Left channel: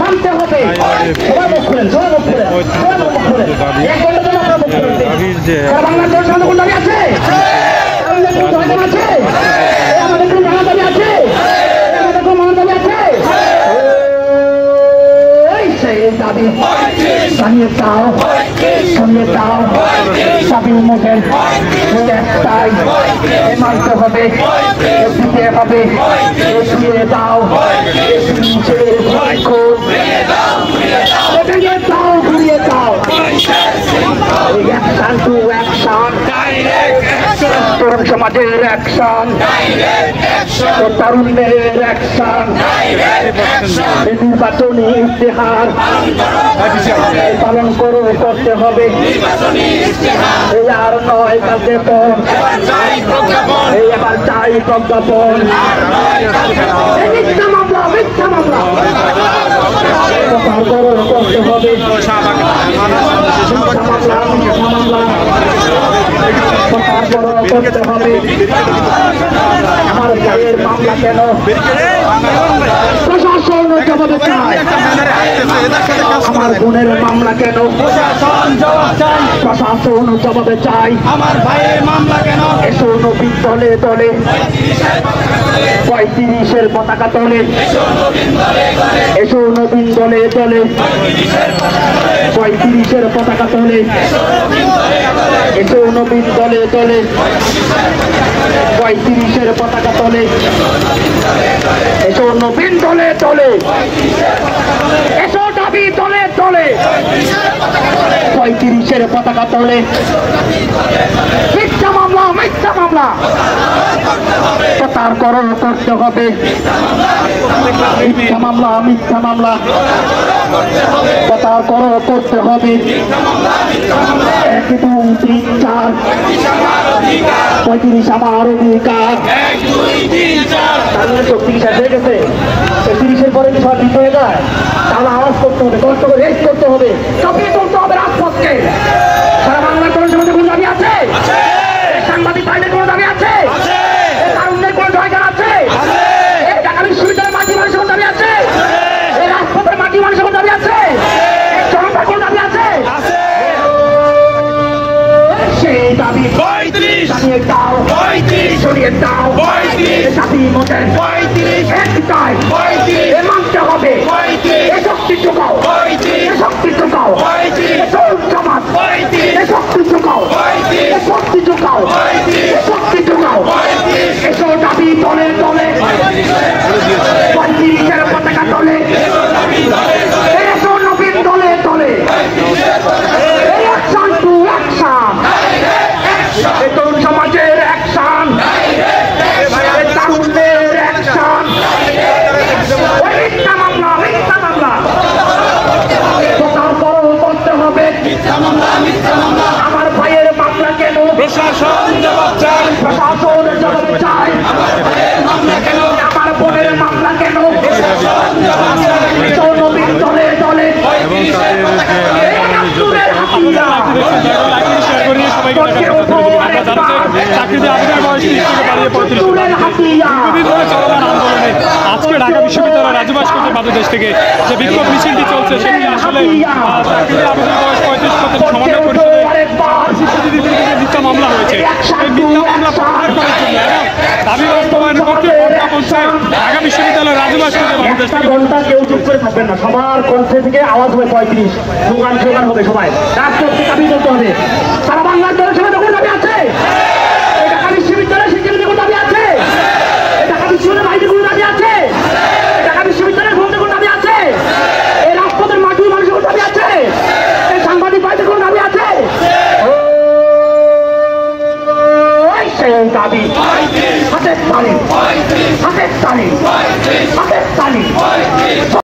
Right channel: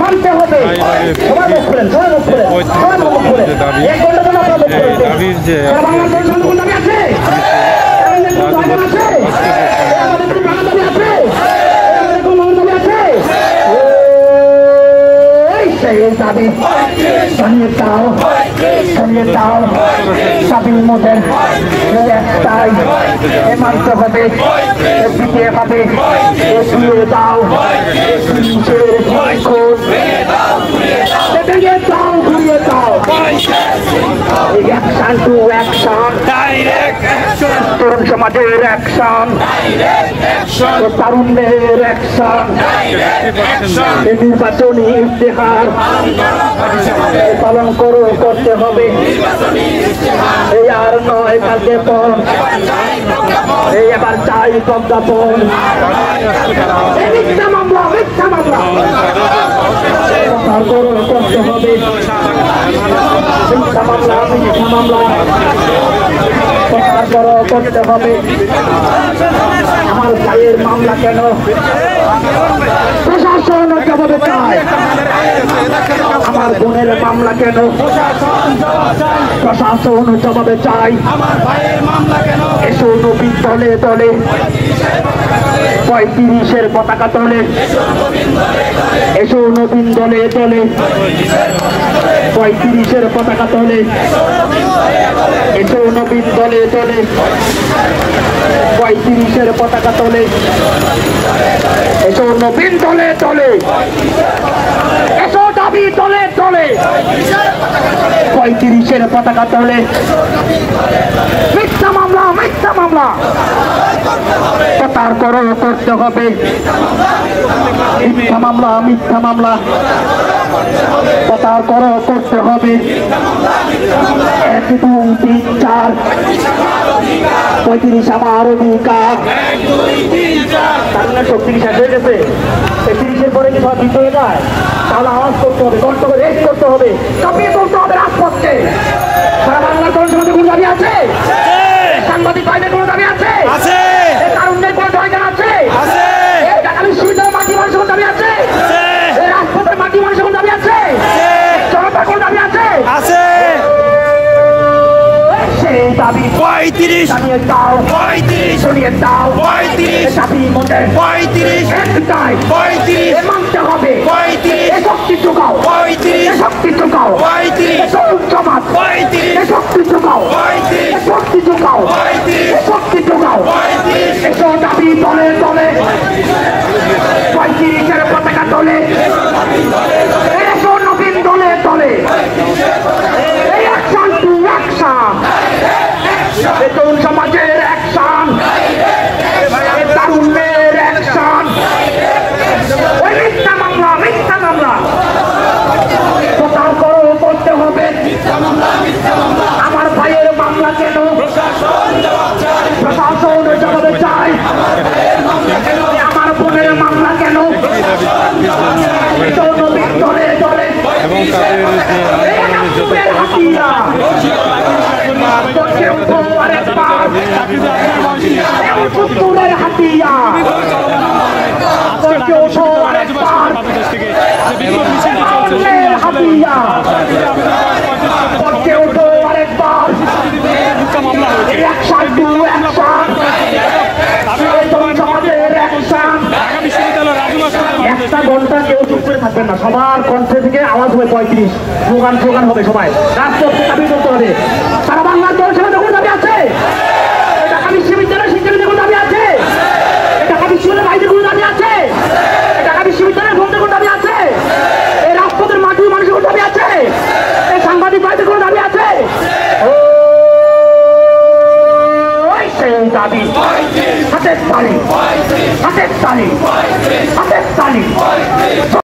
মানতে হবে দিতে হবে শুয়ে দাও ভেঙে দাও ঘুরিয়ে দাও অ্যাকশন টু অ্যাকশন তরুণ সমাজের অ্যাকশন তারুণ্যের অ্যাকশন নির্বাচনী ইশতেহার পালন করতে হবে এই আর নয় কার্যক্রম এবার চাই প্রজ্ঞাপন মিথ্যা মামলা করতে হবে মামলা করতে হবে আমার গায়ের মামলা কেন প্রশাসন জবাবে চায় আমার বোনের মামলা কেন প্রশাসন জবাবে চাই এসো নবীন দলে দলে 35-এর পতাকা তলে এসো নবীন দলে দলে 35-এর পতাকা তলে এসো নবীন দলে দলে 35-এর পতাকা তলে এসো নবীন দলে দলে এসো দাবি দলে দলে 35-এর পতাকা তলে মিথ্যা মামলা প্রচার করতে হবে মিথ্যা মামলা প্রচার করতে হবে 1 2 3 4 35 আমার অধিকার 36 হয়ে গেছে 30-এর পরে কি সব দিতে হয়ে যায় তাহলে আওয়াজ করতে হবে কষ্ট করে রেস করতে হবে কাঁপিয়ে তুলতে হবে রাজপথকে সারা বাংলার কোন সমাজে কোনো দাবি আছে সাংবাদিক ভাইদের কোনো দাবি আছে তারুণ্যের কোনো জয়গান আছে এই ঢাকা বিশ্ববিদ্যালয়ের মাটি মানুষের কোনো দাবি আছে এই রাজপথের মাটি মানুষের কোনো দাবি আছে জনতার কোনো দাবি আছে সেই দাবি জানিয়ে দাও সরিয়ে দাও জাতির মধ্যে একটাই মানতে হবে শক্তি যোগাও শক্তি যোগাও সমাজ শক্তি যোগাও শক্তি যোগাও শক্তি যোগাও এসব দাবি দলে দলে 35-এর পতাকা দলে এসো নবীন দলে দলে এই অ্যাকশন টু অ্যাকশন তরুণ সমাজের অ্যাকশন তারুণ্যের অ্যাকশন মিথ্যা মামলা প্রচার করতে হবে আমার ভাইয়ের মামলা কেন প্রশাসন জবাবে চাই আমার বোনের মামলা কেন নবীন দলে দলে এবং তাদের যে আন্দোলনের যত একটা ঘন্টা কেউ চুপ করে থাকবেন না সবার কণ্ঠে থেকে আওয়াজ হবে 35 স্লোগান হবে সবাই রাজপথকে দাবি করতে হবে সারা বাংলার দলের সঙ্গে যখন দাবি আছে ঢাকা বিশ্ববিদ্যালয়ের শিক্ষার্থীদের কোনো দাবি আছে ঢাকা বিশ্ববিদ্যালয়ের ভাইদের কোনো দাবি আছে ঢাকা বিশ্ববিদ্যালয়ের বোনদের কোনো দাবি আছে এই রাজপথের মাটি মানুষের কোনো দাবি আছে এই সাংবাদিক ভাইদের কোনো দাবি আছে সেই দাবি হাতের তালি